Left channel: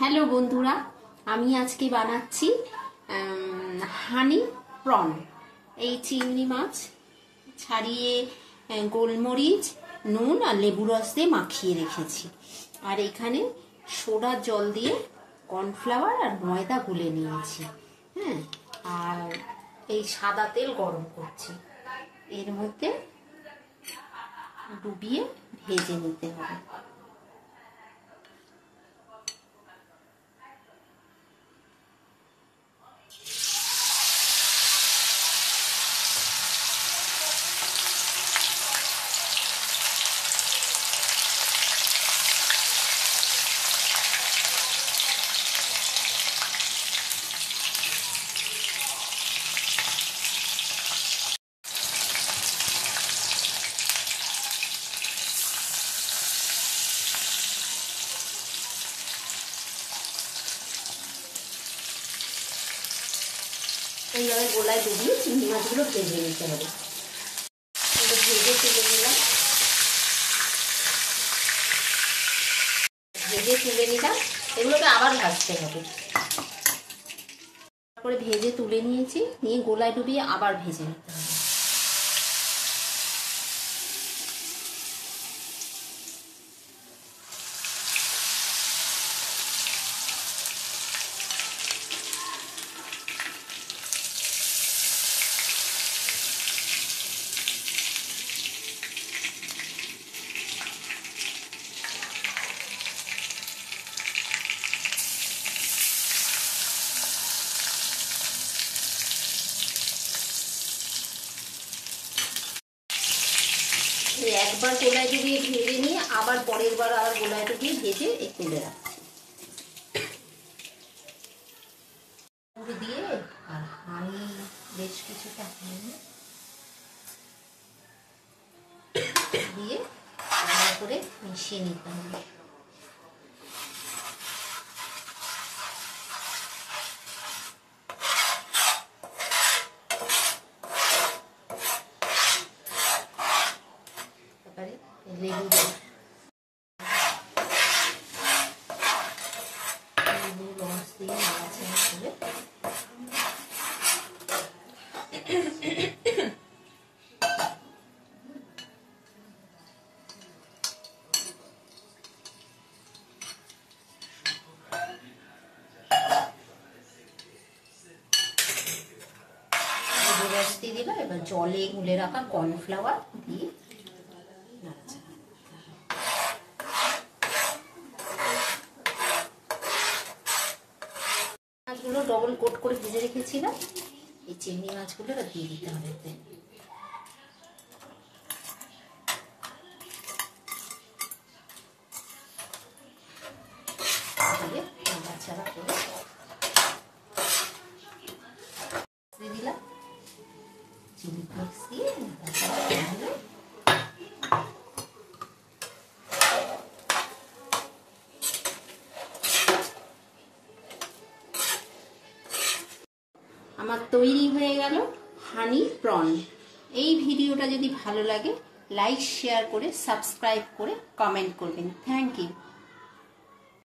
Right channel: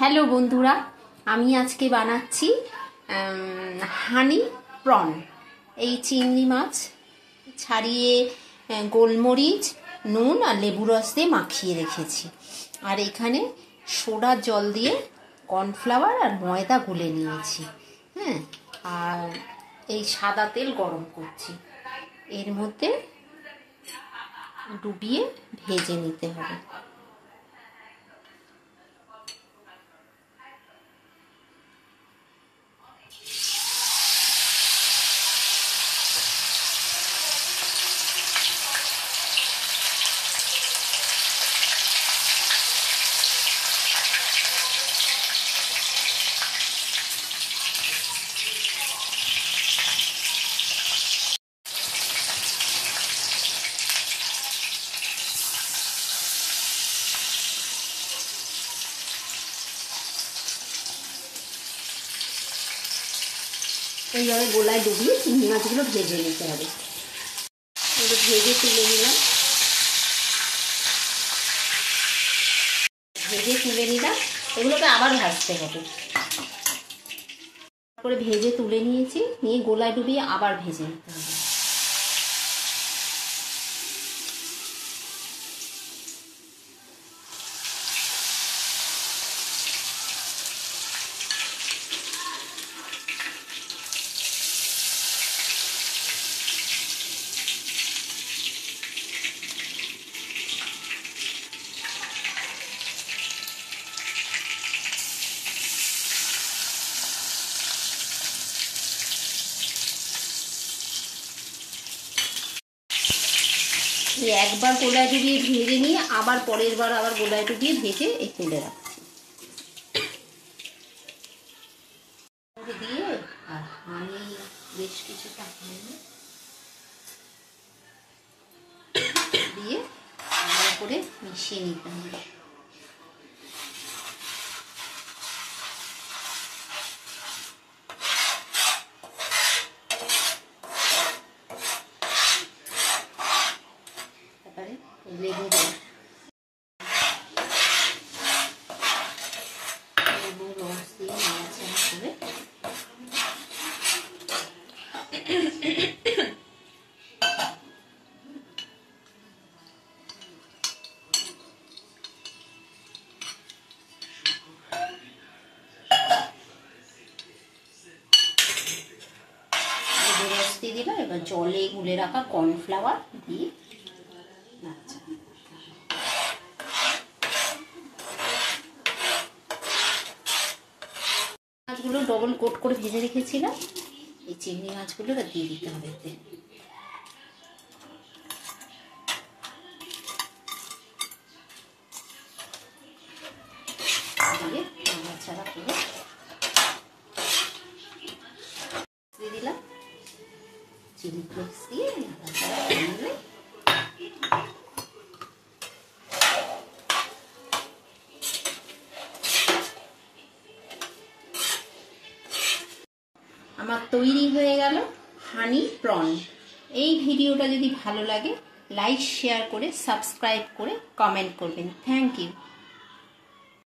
Hello বন্ধুরা, আমি আজকে বানাচ্ছি হানি প্রন। এই চিংড়ি মাছ ছাড়িয়ে গোলমরিচ, নুন আর লেবু রস দিয়ে মাখিয়ে রেখেছি। আর এখানে সোডার জল দিয়ে কর্নফ্লাওয়ার আর ময়দা গুলে নিয়েছি। হ্যাঁ, আর এই সাদা তেল গরম করছি। এর মধ্যে ডুবিয়ে ভেজে নিতে হবে। এইভাবে গোলায় ডুবিয়ে চিংড়ি মাছগুলো ভেজে নিতে হবে। ভেজে তুলে নিলাম, এগুলোকে আবার ভাজতে হবে। তারপরে ভেজে তুলে নিয়েছি, নিয়ে গোলায় ডুবিয়ে আবার ভেজে নিতে হবে। একবার গোলায় ডুবিয়ে ভেজে নিয়ে আবার পরের বার আবার গোলায় ডুবিয়ে ভেজে এই তুলে রাখছি। দিয়ে আর হানি বেশ কিছুটা দিয়ে ভালো করে মিশিয়ে নিতে হবে। দিলাম, এবার জলে গুলে রাখা কর্নফ্লাওয়ার দিয়ে মাছগুলো ডবল কোট করে ভেজে রেখেছিলাম। এই চিংড়ি মাছগুলো দিয়ে দিতে হবে। দিয়ে নাড়াচাড়া করে দিয়ে দিলাম চিলি ফ্লেক্স দিয়ে আমার তৈরি হয়ে গেল হানি প্রন। এই ভিডিওটা যদি ভালো লাগে লাইক শেয়ার করে সাবস্ক্রাইব করে কমেন্ট করবেন। Thank you.